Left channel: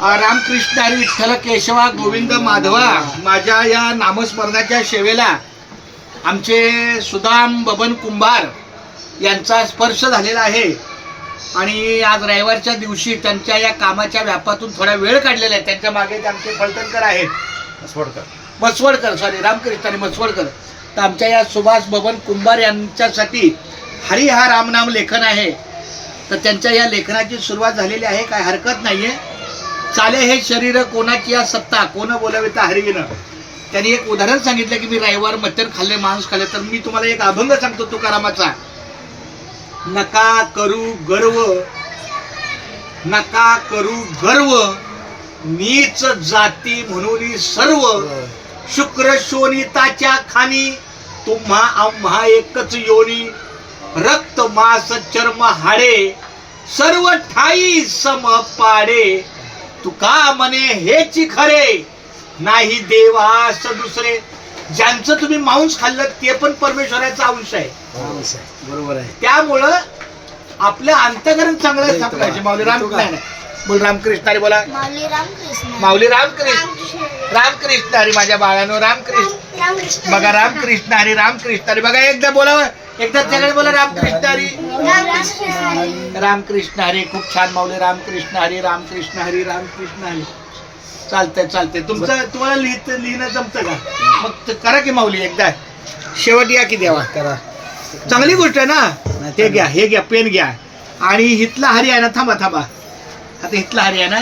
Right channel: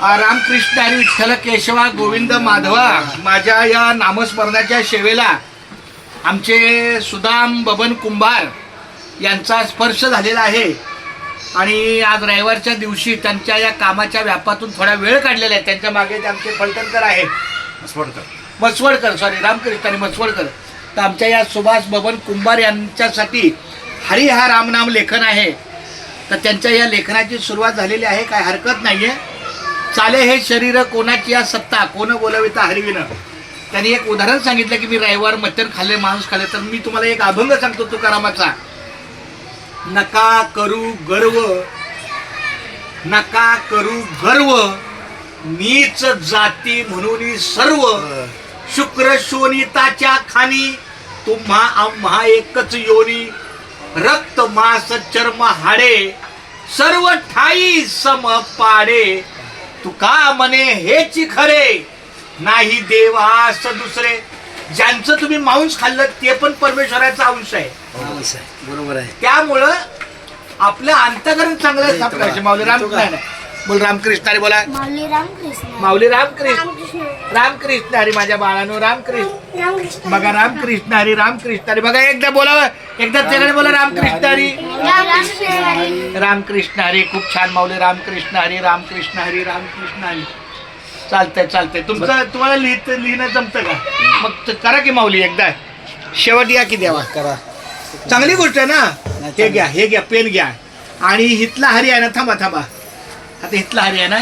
रामकृष्ण हरी विठ्ठल केशवा गोविंद माधवा. माझ्या या नामस्मरणाच्या सेवेला आमचे सुदाम बबन कुंभार यांचा स्पर्श झालेला आहे आणि आज रविवारच्या दिवशी त्यांच्या या कामाच्या व्यापातून थोडा वेळ काढलेला आहे. त्यांच्या मागे ते आमचे फलटणकर आहेत, मसवडकर सॉरी रामकृष्ण आणि मसवडकर. तर आमच्या या सुभाष बबन कुंभार यांच्यासाठी हरी हा रामनाम लेखन आहे. तर त्यांच्या या लेखनाची सुरुवात झालेली आहे, काय हरकत नाहीये. चाले हे शरीर कोणाची या सत्ता, कोण बोलविता हरिविन. त्यांनी एक उदाहरण सांगितलं की मी रविवार मटण खाल्ले, मांस खाल्ले. तर मी तुम्हाला एक अभंग सांगतो तुकारामाचा. नका करू गर्व, नका करू गर्व, नीच जाती म्हणून सर्व. शुक्र शोणिताच्या खानी, तुम्हा आम्हा एकच योनी. रक्त मास चर्म हाडे, सर्व ठाई सम पाडे. तुका म्हणे हेच खरे, नाही देवास दुसरे. ज्यांचं तुम्ही मांस खाल्लं ते पण परमेश्वराचा अंश आहे. बरोबर आहे. त्यामुळं आपलं अंतःकरण चांगलं सापडायचं. माऊली रामकृष्ण बोल, रामकृष्ण हरी बोला. माऊली रामकृष्ण, रामकृष्ण हरी माझ्या बाळानो, रामकृष्ण. बघा रामकृष्ण हरी, रामकृष्ण हरी. बघा एकदा बोलावं, एकदा तिकडे बोला रामकृष्ण हरी, रामकृष्ण हरी. खूप छान माऊली. रामकृष्ण हरी, रामकृष्ण हरी, रामकृष्ण हरी. चालतंय चालतंय. तुम्हाला लिहिणं जमतं का? मग करा की माऊली एकदा शेवट या की देवा करा. चांगली गोष्ट आहे ना. हे घ्या, हे घ्या, पेन घ्या. आणि हितला हरी आहे ना, थांबा थांबा. आता हितला हरी आहे ना,